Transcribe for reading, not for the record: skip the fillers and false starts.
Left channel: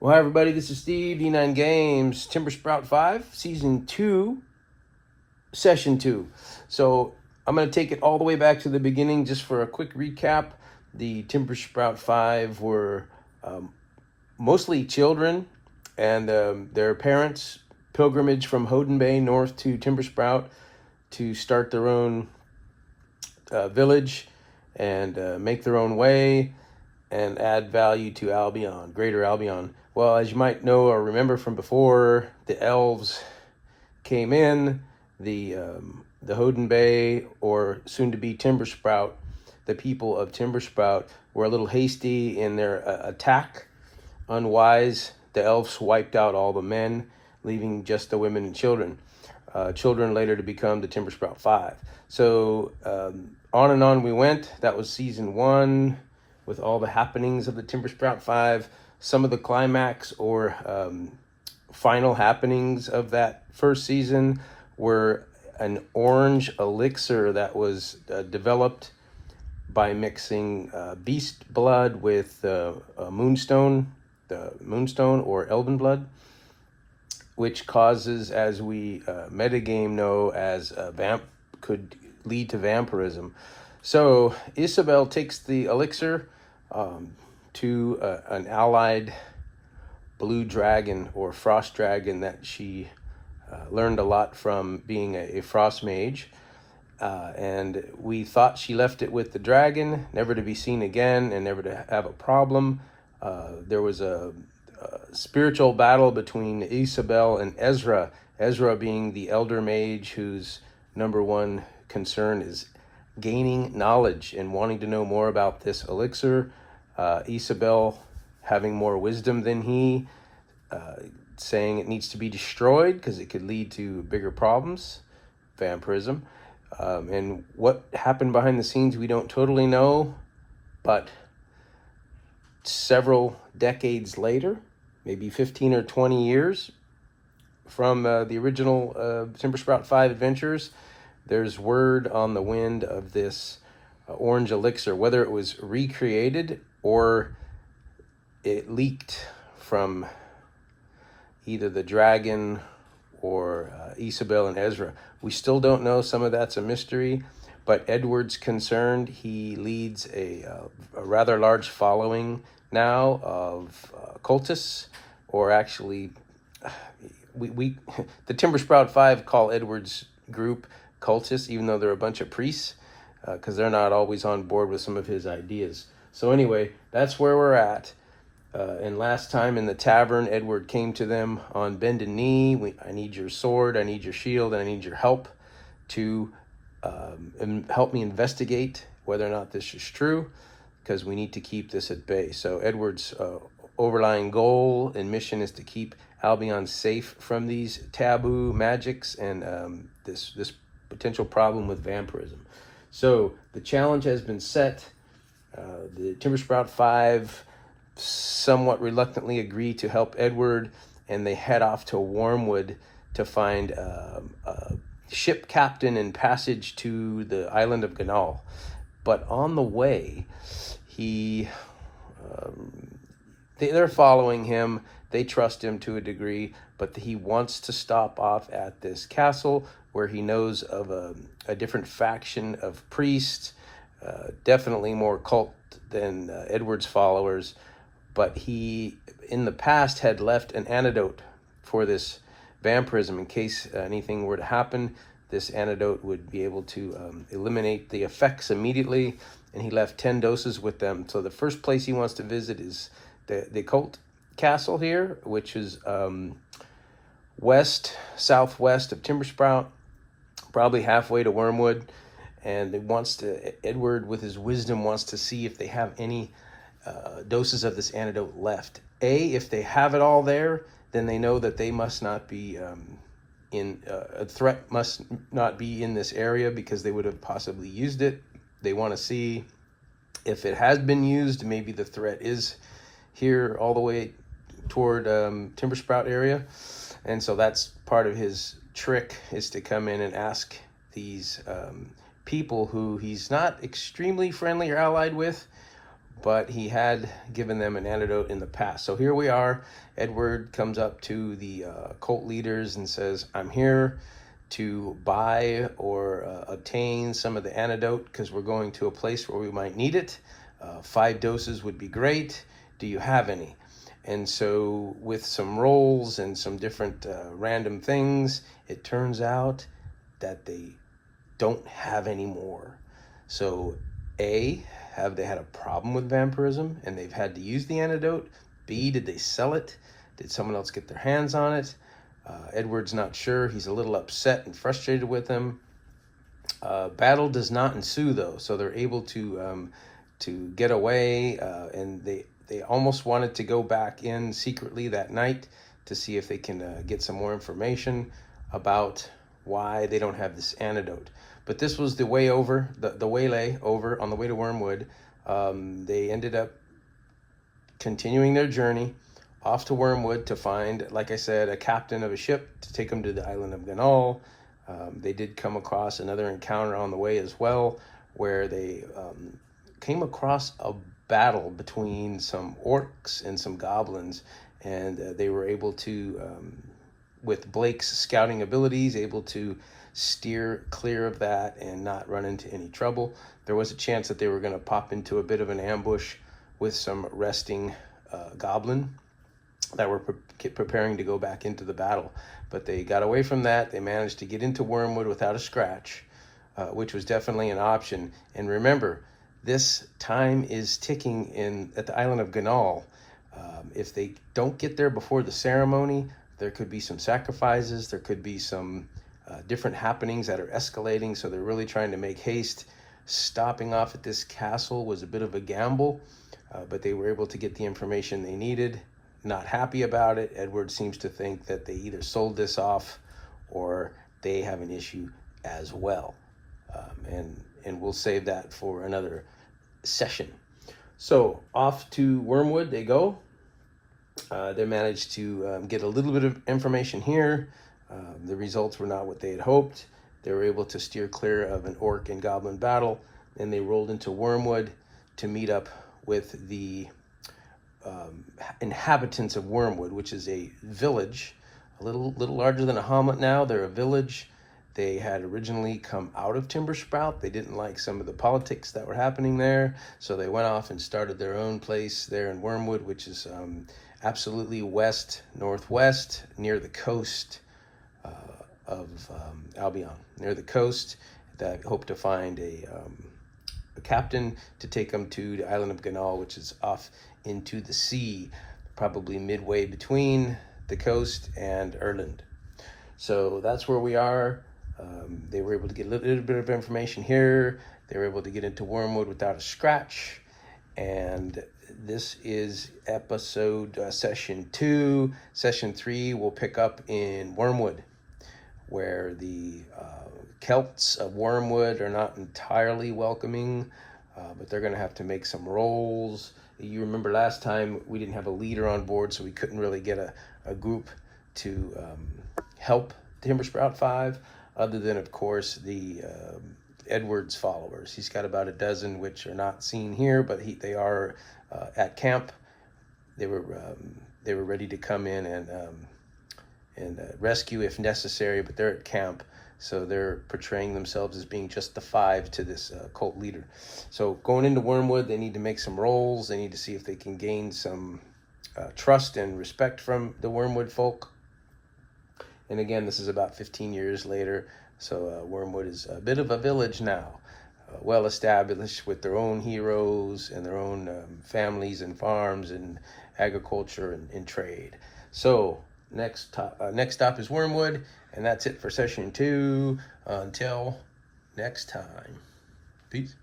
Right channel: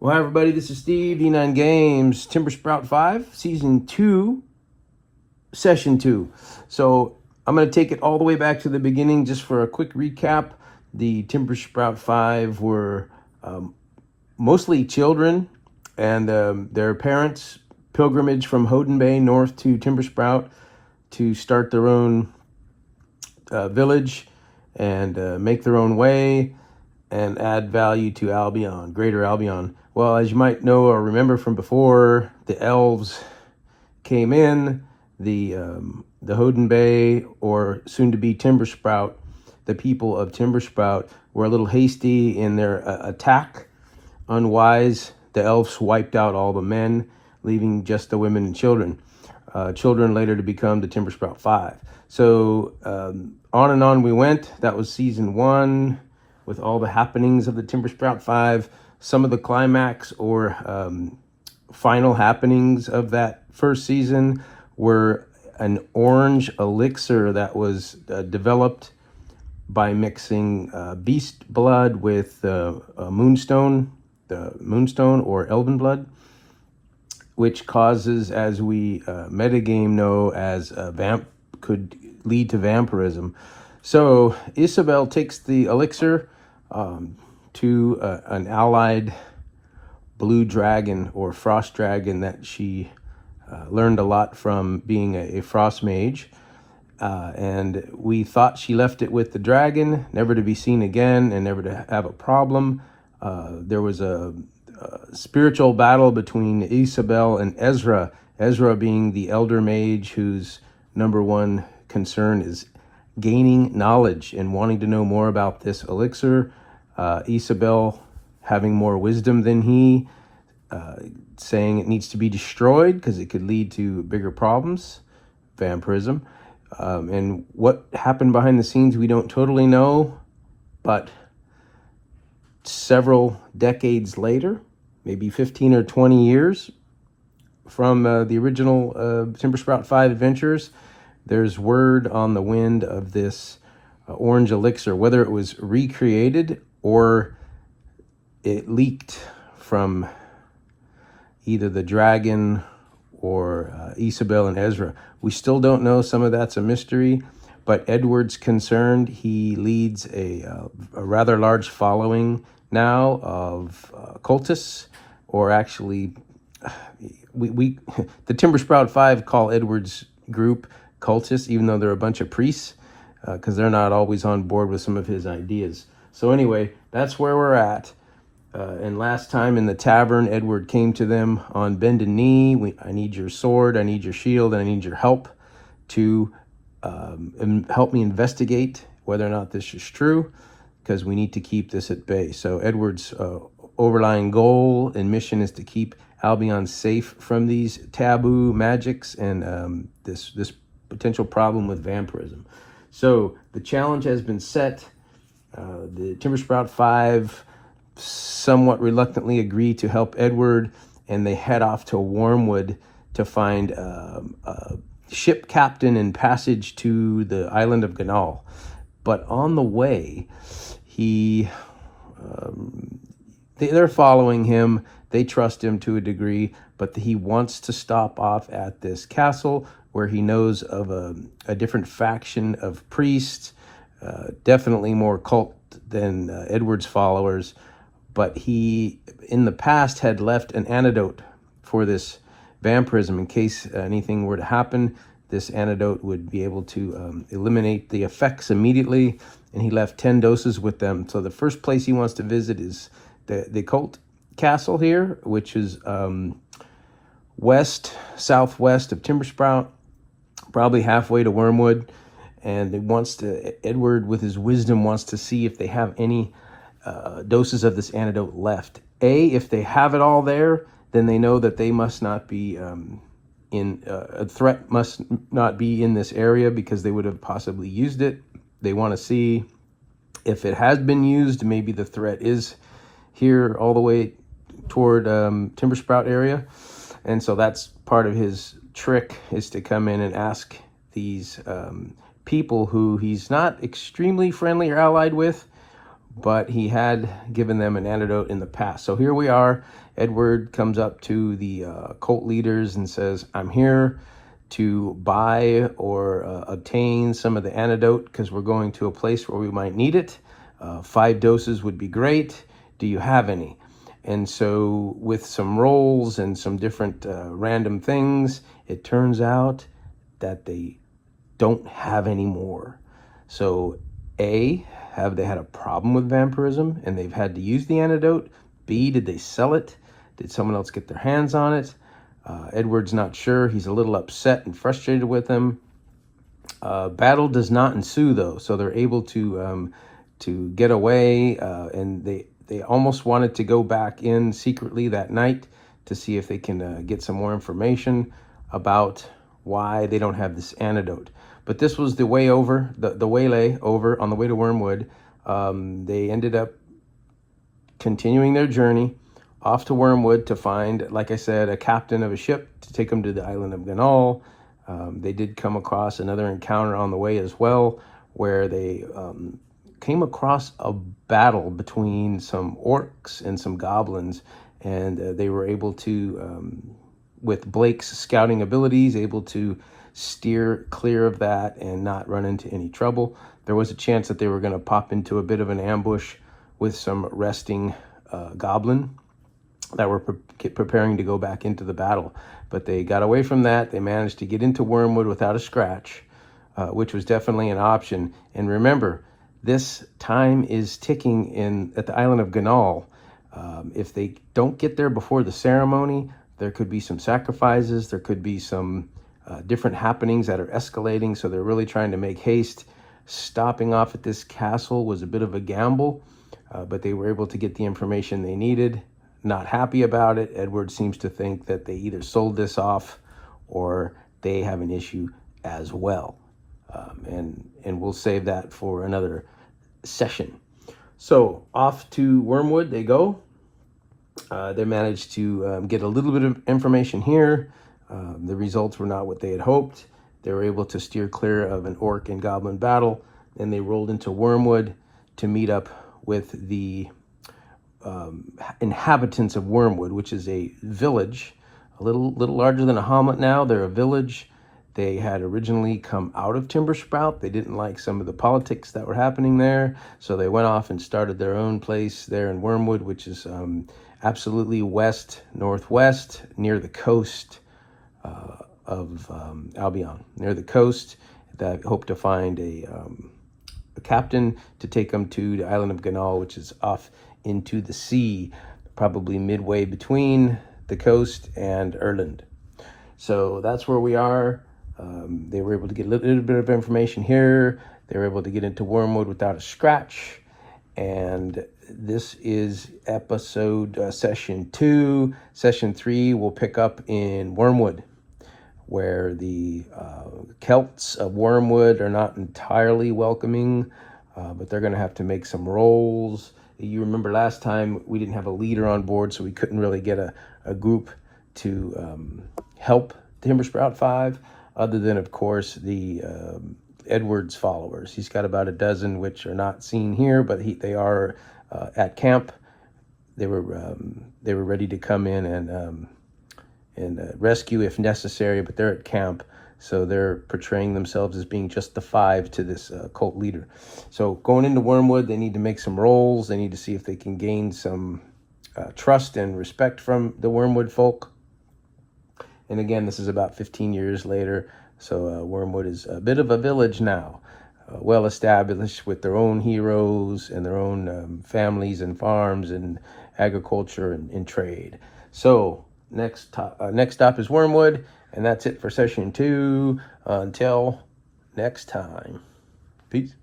Well, hi everybody, this is Steve, D9 Games, Timber Sprout 5, Season 2, Session 2. So I'm going to take it all the way back to the beginning just for a quick recap. The Timber Sprout 5 were mostly children and their parents' pilgrimage from Houghton Bay north to Timber Sprout to start their own village and make their own way and add value to Albion, Greater Albion. Well, as you might know or remember from before, the elves came in, the Houghton Bay, or soon to be Timber Sprout. The people of Timber Sprout were a little hasty in their attack, unwise. The elves wiped out all the men, leaving just the women and children. Children later to become the Timber Sprout 5. So on and on we went. That was Season 1. With all the happenings of the Timber Sprout 5, some of the climax or final happenings of that first season were an orange elixir that was developed by mixing beast blood with moonstone, the moonstone or elven blood, which causes, as we metagame know, as could lead to vampirism. So Isabel takes the elixir to an allied blue dragon or frost dragon that she learned a lot from being a frost mage. And we thought she left it with the dragon, never to be seen again and never to have a problem. There was a spiritual battle between Isabel and Ezra. Ezra being the elder mage whose number one concern is gaining knowledge and wanting to know more about this elixir. Isabel having more wisdom than he, saying it needs to be destroyed because it could lead to bigger problems, vampirism. And what happened behind the scenes we don't totally know, but several decades later, maybe 15 or 20 years from the original Timber Sprout 5 adventures, there's word on the wind of this orange elixir, whether it was recreated or it leaked from either the dragon or Isabel and Ezra. We still don't know. Some of that's a mystery, but Edward's concerned. He leads a rather large following now of cultists, or actually, we the Timber Sprout 5 call Edward's group cultists, even though they're a bunch of priests, because they're not always on board with some of his ideas. So anyway, that's where we're at. And last time in the tavern, Edward came to them on bended knee. I need your sword, I need your shield, and I need your help to help me investigate whether or not this is true, because we need to keep this at bay. So Edward's overlying goal and mission is to keep Albion safe from these taboo magics and this potential problem with vampirism. So the challenge has been set. The Timber Sprout 5 somewhat reluctantly agree to help Edward, and they head off to Wurmwood to find a ship captain and passage to the island of Ganahl. But on the way, they're following him. They trust him to a degree, but he wants to stop off at this castle where he knows of a different faction of priests, definitely more cult than Edward's followers. But he, in the past, had left an antidote for this vampirism. In case anything were to happen, this antidote would be able to eliminate the effects immediately, and he left 10 doses with them. So the first place he wants to visit is the cult castle here, which is southwest of Timber Sprout, probably halfway to Wurmwood. And Edward, with his wisdom, wants to see if they have any doses of this antidote left. If they have it all there, then they know that they must not be a threat must not be in this area, because they would have possibly used it. They want to see if it has been used. Maybe the threat is here all the way toward Timber Sprout area. And so that's part of his trick, is to come in and ask these people who he's not extremely friendly or allied with, but he had given them an antidote in the past. So here we are. Edward comes up to the cult leaders and says, I'm here to buy or obtain some of the antidote because we're going to a place where we might need it. 5 doses would be great. Do you have any? And so with some rolls and some different random things, it turns out that they don't have any more. So A, have they had a problem with vampirism and they've had to use the antidote? B, did they sell it? Did someone else get their hands on it? Edward's not sure. He's a little upset and frustrated with him. Battle does not ensue though, so they're able to get away, and they almost wanted to go back in secretly that night to see if they can get some more information about why they don't have this antidote. But this was the way over, the waylay over on the way to Wurmwood. They ended up continuing their journey off to Wurmwood to find, like I said, a captain of a ship to take them to the island of Ganahl. They did come across another encounter on the way as well, where they came across a battle between some orcs and some goblins, and they were able to, with Blake's scouting abilities, able to steer clear of that and not run into any trouble. There was a chance that they were going to pop into a bit of an ambush with some resting goblin that were preparing to go back into the battle, but they got away from that. They managed to get into Wurmwood without a scratch, which was definitely an option. And remember, this time is ticking at the island of Ganahl. If they don't get there before the ceremony, there could be some sacrifices, there could be some different happenings that are escalating, so they're really trying to make haste. Stopping off at this castle was a bit of a gamble, but they were able to get the information they needed. Not happy about it. Edward seems to think that they either sold this off or they have an issue as well. And we'll save that for another session. So off to Wurmwood they go. They managed to get a little bit of information here. The results were not what they had hoped. They were able to steer clear of an orc and goblin battle. Then they rolled into Wurmwood to meet up with the inhabitants of Wurmwood, which is a village, a little larger than a hamlet now. They're a village. They had originally come out of Timber Sprout. They didn't like some of the politics that were happening there, so they went off and started their own place there in Wurmwood, which is absolutely west-northwest near the coast of Albion, near the coast. That hope to find a captain to take them to the island of Ganahl, which is off into the sea, probably midway between the coast and Erland. So that's where we are. They were able to get a little bit of information here. They were able to get into Wurmwood without a scratch. And this is episode session 2. Session 3 will pick up in Wurmwood, where the Celts of Wurmwood are not entirely welcoming, but they're going to have to make some rolls. You remember last time we didn't have a leader on board, so we couldn't really get a group to help Timber Sprout 5, other than, of course, the Edward's followers. He's got about a dozen, which are not seen here, but they are at camp. They were ready to come in and rescue if necessary, but they're at camp. So they're portraying themselves as being just the 5 to this cult leader. So going into Wurmwood, they need to make some rolls. They need to see if they can gain some trust and respect from the Wurmwood folk. And again, this is about 15 years later. So Wurmwood is a bit of a village now, well established with their own heroes and their own families and farms and agriculture and trade. So next stop is Wurmwood, and that's it for session 2. Until next time, peace.